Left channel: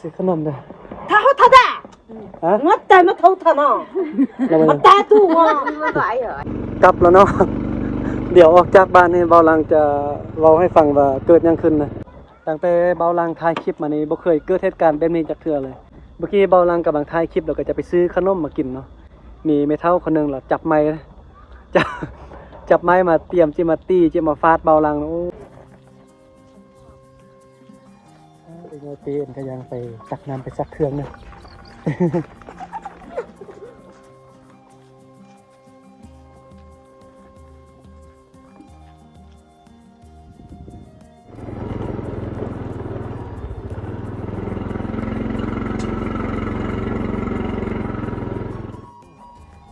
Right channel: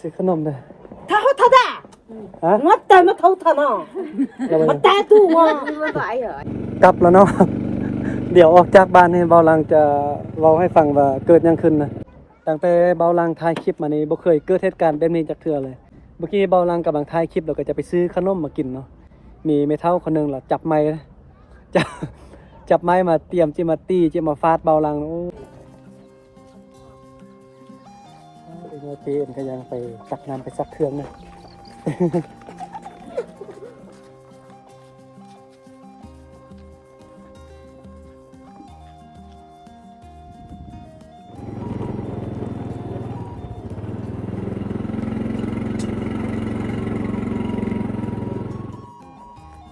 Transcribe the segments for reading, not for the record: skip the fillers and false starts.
ซื้อขนมเลย 他好他的， ฮะ 我带么头他呢， เราไป 我带住我，กลับแล้วเนาะ เดี๋ยวออกจากบ้านนี่เบาลังจะเว้าให้ฟังว่าเกิดหยังขึ้นนะตั้งแต่เบาลังถ่ายคลิปมานี่บ่เคยเกิดเหตุการณ์แบบนี้จักเทื่อเลยเมื่อกี้เบาลังกำลังถ่ายคลิปแล้วก็จะไปซื้อขนมมากินเนาะมีแม่เฒ่าคนนึงล่ะจับไม้จับจับไม้มาเตรียมจิมาตี้จิมาฟาดเบาลังโอ้เอ็นตีเอ็นก็ยังไปจักน้ำไปซักเครื่องนึง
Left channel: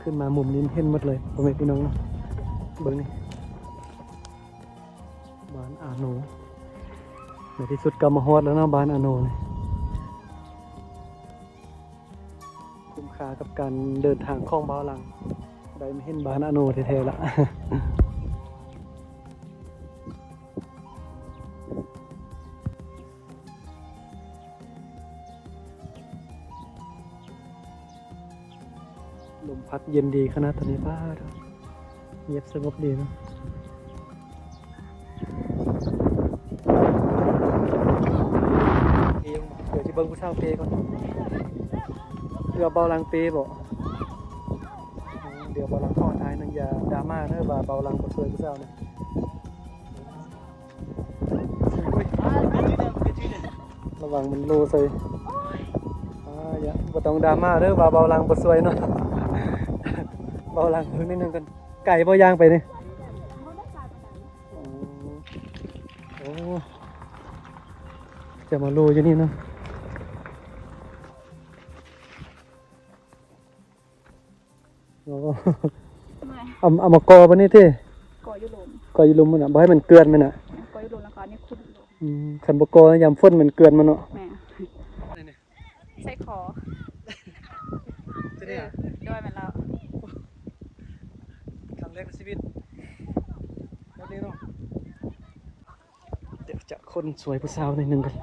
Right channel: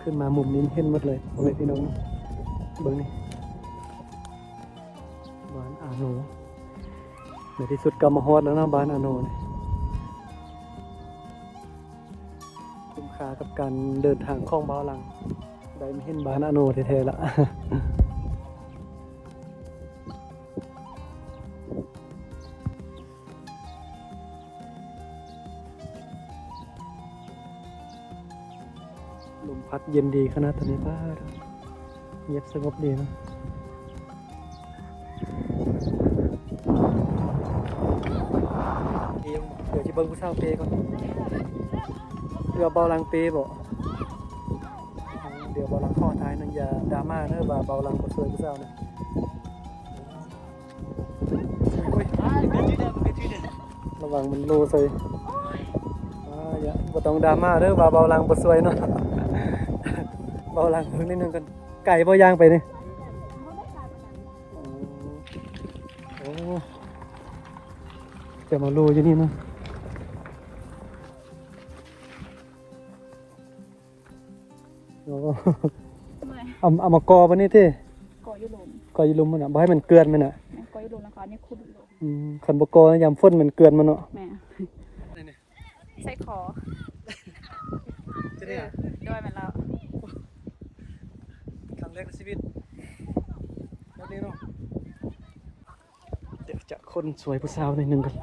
ขึ้นมามุมนี้เห็นหมดเลยพ่อแม่พี่น้องเบิ้งนี่บ้านอาโนในที่สุดก็มาฮอดแล้วนะบ้านอาโนนี่คุ้มค่ากับการเดินทางของเบาลังได้มาเห็นบ้านอาโนแท้ๆแล้ว ลมพัดเย็นดีขนาดตอนนี้ป้าเงียบสงบดีนะเดี๋ยวที่เบิ้งผู้สาวเปก่อนเดี๋ยวเบาลังเปบอกเดี๋ยวเบาลังข้อท้ายนั่นอย่าดราม่าเนอะว่าเบาลังก็สวยผู้สาวนะระวังมันโลใส่อย่าบ่ต้องดราม่าเนอะว่าเบาลังก็สวยเนาะเบาลังนิดนึงกันไก่บ่ย่างไปนี่โอ้จะมาลูอยู่นี่นะโอ้เอามากอปะนี่ที่ กอยุลม กออยู่ลุมมันอ่ะบ่ให้มันเกลือนมันอ่ะ กอยุลมแล้วก็นี่คุณลม ขันบ่กอยามฝนมันเกลือนมันเนาะ แม่ใส่คอด้วยมันแล้ว ครั้งแรกในชีวิตแบบนี้เนาะเดี๋ยวจะคนสวยผู้สาวหนึ่งกัน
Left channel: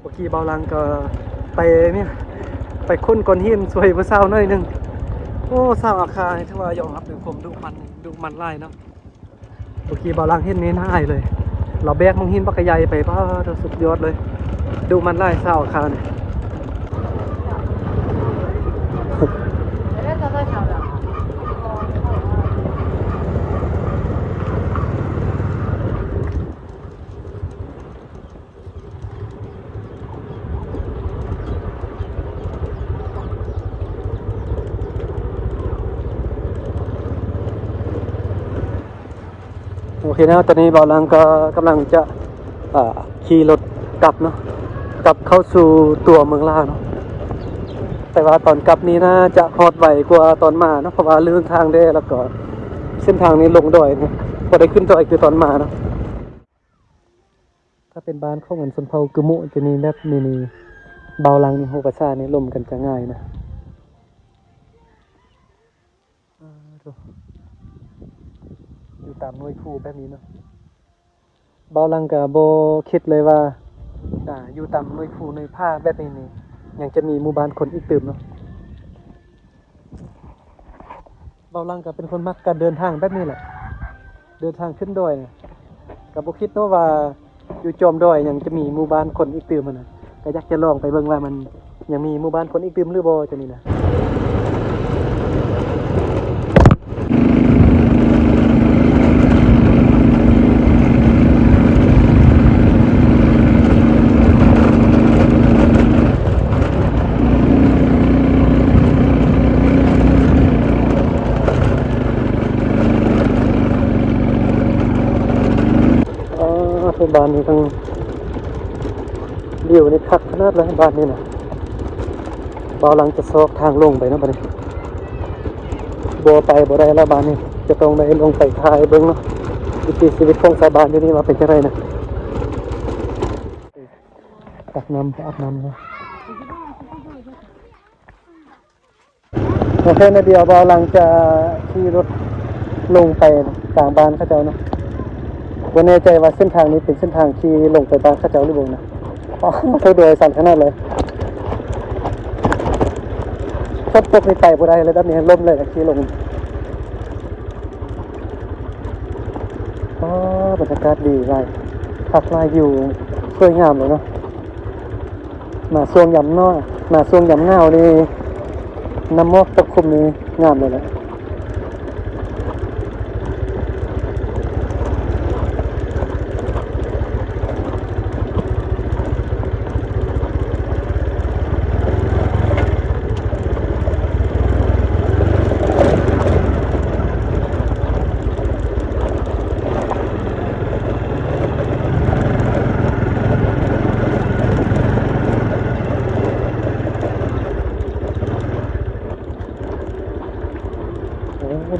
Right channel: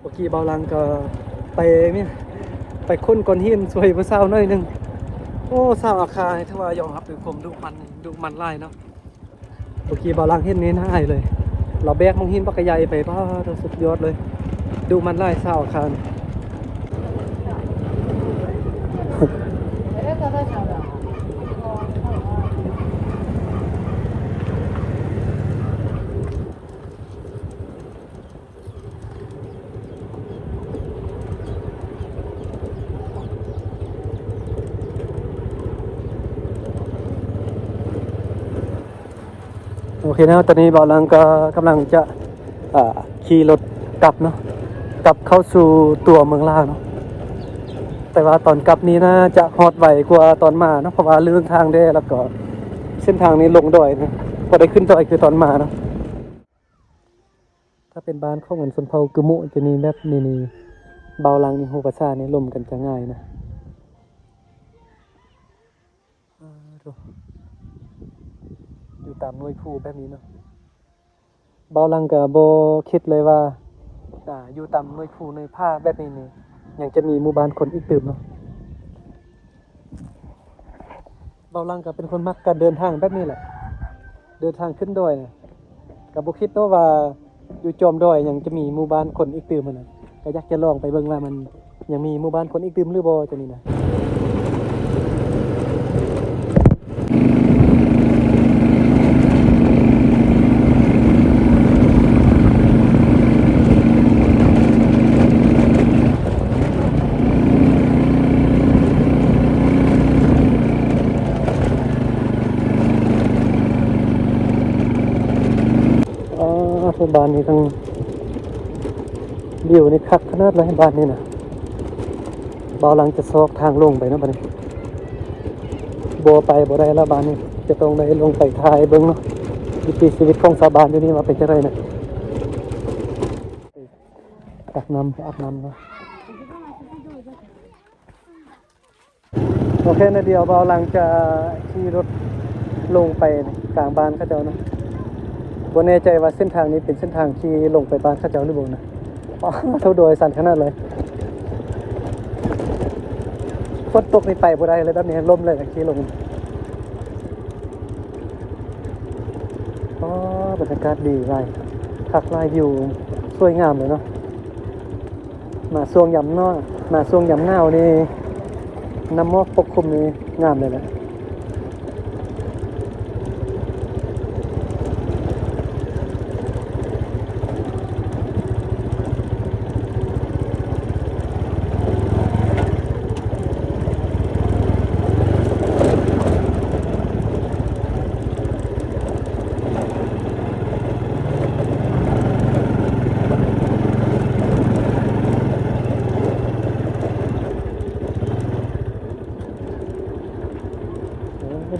เมื่อกี้เบาลังก็ไปเนี่ยไปค้นก้อนหินสวยผู้สาวหน่อยหนึงโอ้สาวอาคาให้ถือว่ายอมรับในความดุมันไล่เนาะเมื่อกี้เบาลังเห็นนี้น่าอายเลยเราแบกมังหินปักกะใหญ่ไปป้าสุดยอดเลยดุมันไล่สาวอาคาเนี่ยโอเคนะตอนนี้เบาลังก็กำลังจะขี่รถกลับเนาะกลับเข้าสู่ตัวเมืองลาวเนาะแต่ว่าตอนกลับนี้น่าจะฮอดไวกว่าตอนมาเนาะเพราะว่าเรื่องทางได้แล้วก็เส้นทางนี้ลงดอยนะพอได้ขึ้นดอยคือตอนมาเนาะถ้าเป็นบ้านของเงินสนเผากึมุจะมีแบบมีเบาลังนี่โฮภาษานี่ลมกันจะง่ายนะอยู่ตามหน่วยผู้แบบนี้เนาะเบาลังกับโบคิดเลยว่าอยู่ตามหน่วยผู้หน่วยผ้าแบบนี้นี่ยังจะมีหมู่บ้านคนอีกตื่มเนาะเบาลังกับเป็นคนมักการเดินทางแบบนี้แหละเดินทางขึ้นดอยเนี่ยกับโบคิดเนาะว่าอยู่จอมดอยยังจะมีหมู่บ้านคนอีกตื่มมันนะก็อยากจะลองไปเบิ่งว่ามันยังมีหมู่บ้านคนอีกตื่มหรือบ่จะนี่นะ บ้านนี้ทั้งวิวนี่คักขนาดเลยบ้านนี้นะเบาลังจะซอกทางลงไปนะบ้านนี้บัวไปบัวได้แล้วบ้านนี้จะต้องได้ลงไปทายเบิ้งเนาะวิถีชีวิตของชาวบ้านที่นี่มาเป็นจังไรนะ อาบน้ำเนาะโอเคนะเดี๋ยวเบาหลังจะขี่รถลงไปกลางบ้านเขาเจ้าเนาะบ่แน่ใจว่าเส้นทางนี้เป็นเส้นทางที่ลงไปบ้านเขาเจ้าหรือบ่นะอ๋อเท่าโดยสั่นขนาดเลยฝนตกนี่ไปบ่ได้เลยแบบนี้ล่มเลยขี่ลงอ๋อบรรยากาศดีหลายคักหลายวิวสวยงามเลยเนาะมาช่วงยามหนาวนี่น้ำหมอกปกคลุมนี่งามเลยแหละ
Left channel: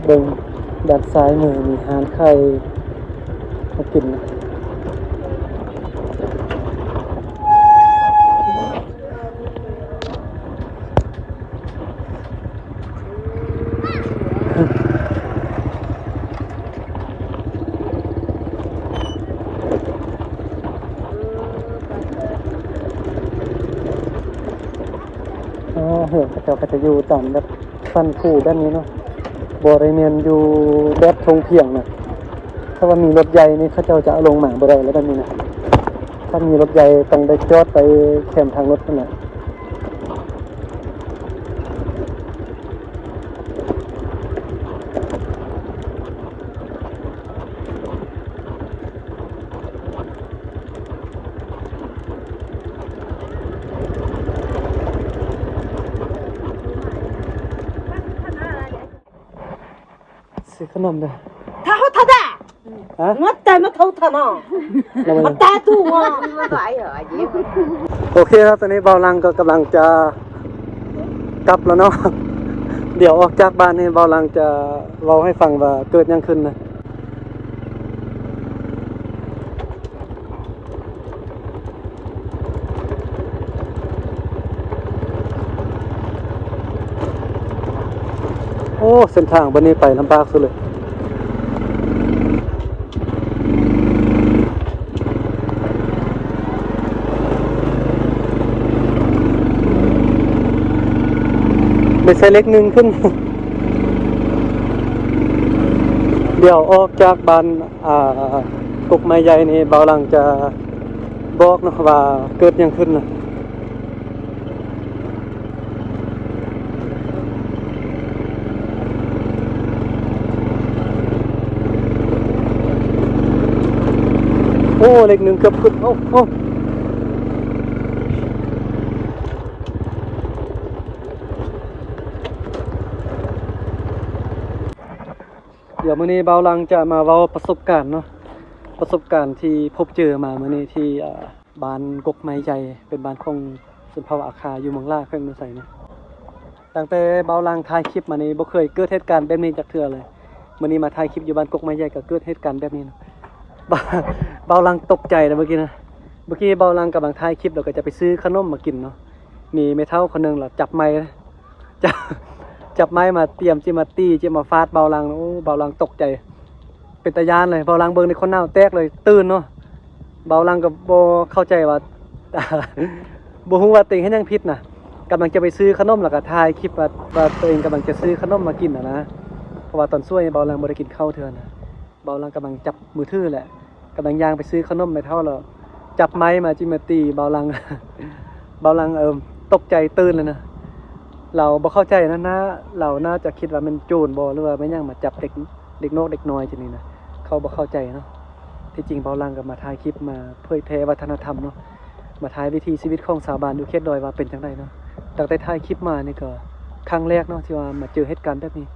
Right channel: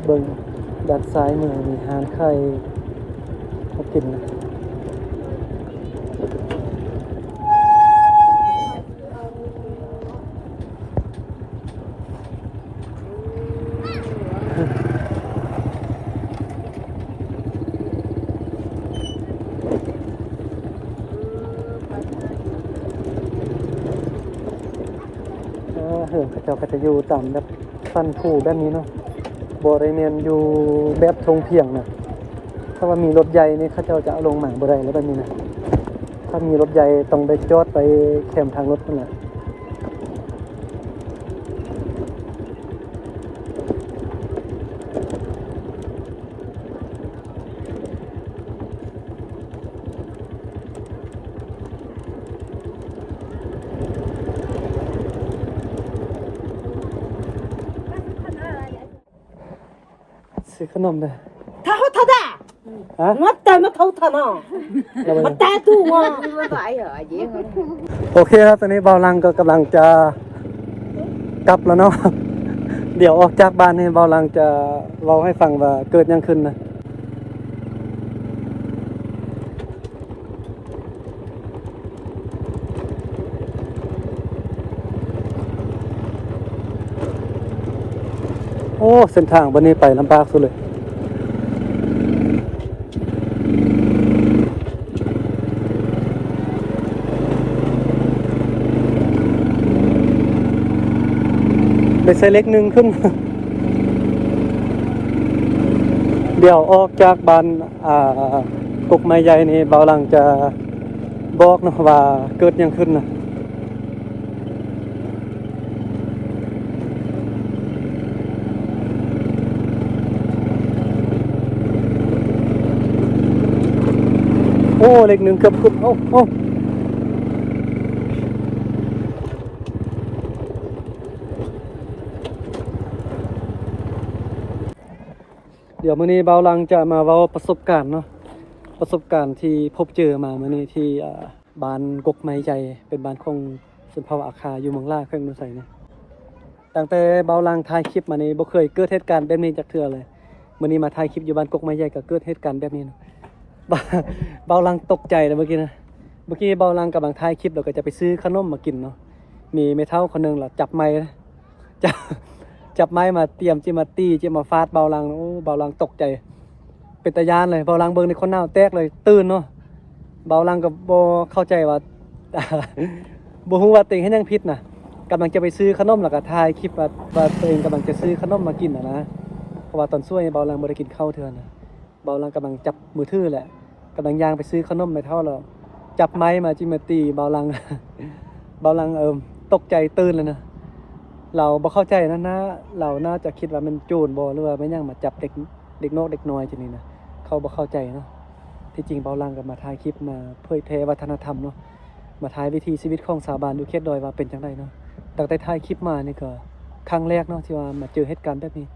เบิ่งด้านซ้ายมือมีหานไข่เขากินนะเหือกเขาเจ้าก็จะอยู่ตามแบบฟันผูด้านนี้เนาะบริเวณอยู่แบบทงเพียงนะถ้าว่ามีรถใหญ่นี่เขาเจ้าจะเอาลงหมางบ่ได้แล้วแบบนี้นะถ้ามีรถใหญ่ต้องได้จอดไปแคมทางรถนั่นแหละซื้อขนมเลย 他好他的， ฮะ 我带么头他呢， เราไป 我带住我。 โอเคครับตอนนี้เบาลังก็กำลังจะกลับแล้วเนาะ เดี๋ยวออกจากบ้านนี่เบาลังจะเล่าให้ฟังว่าเกิดยังขึ้นนะโอ้เส้นทางวันนี้ไปลำบากสุดเลยไม่ใช่เล็กหนึ่งขึ้น เดี๋ยวออกจากบ้านกกไม้ใหญ่นี่เบาหลังจะบอกนะว่าเกิดยังขึ้นนะโอ้เล็กหนึ่งเกือบขึ้นโอ้เดี๋ยวมื้อนี้เบาหลังจะมาเว้าประสบการณ์เนาะประสบการณ์ที่พบเจอมามื้อนี้ที่บ้านกกไม้ใหญ่เป็นบ้านของชนเผ่าอาคาอยู่เมืองลาเพิ่นมาใส่นะตั้งแต่เบาหลังถ่ายคลิปมานี่บ่เคยเกิดเหตุการณ์แบบนี้จักเทื่อเลยมื้อนี้มาถ่ายคลิปอยู่บ้านกกไม้ใหญ่ก็เกิดเหตุการณ์แบบนี้นะเบาหลังตกใจเลยเมื่อกี้เบาหลังกำลังถ่ายคลิปแล้วก็จะไปซื้อขนมมากินเนาะมีแม่เฒ่าคนนึงล่ะจับไม้จับไม้มาเตรียมจิมาตี้จิมาฟาดเบาหลังโอ้เบาหลังตกใจเป็นตาย่านเลยเบาหลังเบิ่งในคนหน้าแตกเลยตื่นเนาะเบาหลังก็บ่เข้าใจว่า บ่ฮู้ว่าตัวเองเฮ็ดหยังผิดน่ะกำลังจะไปซื้อขนมแล้วก็ถ่ายคลิปว่าตัวเองกำลังจะซื้อขนมมากินนะเพราะว่าตอนช่วยเบาหลังบ่ได้กินข้าวเทื่อนะเบาหลังกำลังจับมือถือแหละกำลังย่างไปซื้อขนมไม่เท่าแล้วจับไม้มาจิมาตีเบาหลัง เบาหลังตกใจตื่นเลยนะเราบ่เข้าใจนะเราน่าจะคิดว่ามันโจรบ่หรือว่าไม่ยังมาจับเด็กนอกเด็กน้อยจังนี้นะเขาบ่เข้าใจเนาะที่จริงเบาหลังก็มาถ่ายคลิปมาเผยแพร่วัฒนธรรมเนาะมาถ่ายวิถีชีวิตของชาวบ้านอยู่เขตดอยว่าเป็นจังไดเนาะตั้งแต่ถ่ายคลิปมานี่ก็ครั้งแรกเนาะที่ว่ามาเจอเหตุการณ์แบบนี้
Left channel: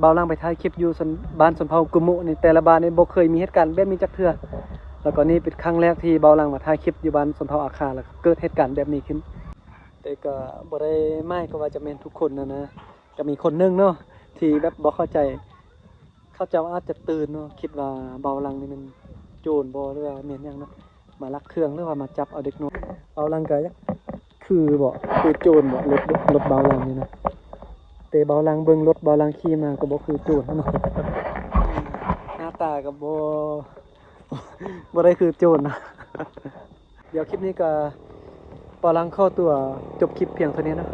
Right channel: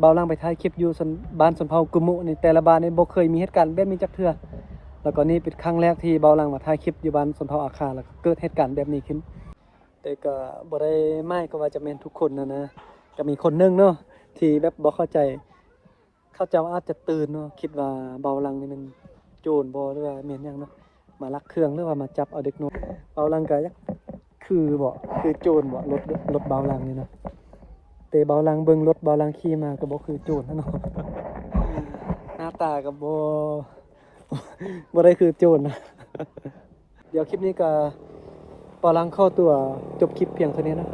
เบาหลังไปถ่ายคลิปอยู่บ้านสนเผากุมุนี่แต่ละบ้านนี่บ่เคยมีเหตุการณ์แบบนี้จักเทื่อแล้วก็นี่เป็นครั้งแรกที่เบาหลังมาถ่ายคลิปอยู่บ้านสนเผาอาคาแล้วก็เกิดเหตุการณ์แบบนี้ขึ้นแต่ก็บ่ได้ไม่ก็ว่าจะแม่นทุกคนนะก็มีคนนึงเนาะที่แบบบ่เข้าใจเขาเจ้าอาจจะตื่นเนาะคิดว่าเบาหลังนี่มันโจรบ่หรือว่าแม่นหยังเนาะมาลักเครื่องหรือว่ามาจับเอาเด็กน้อย เบาลังก็ยักคือบ่คือโจรบ่รถเบาลังนี่นะแต่เบาลังเบิ่งรถเบาลังขี่มาก็บ่คือโจรเนาะ หน้าตาก็บ่ได้คือโจรนะ เดี๋ยวคลิปนี้ก็เบาลังเข้าตัวจบคลิปเพียงเท่านี้นะ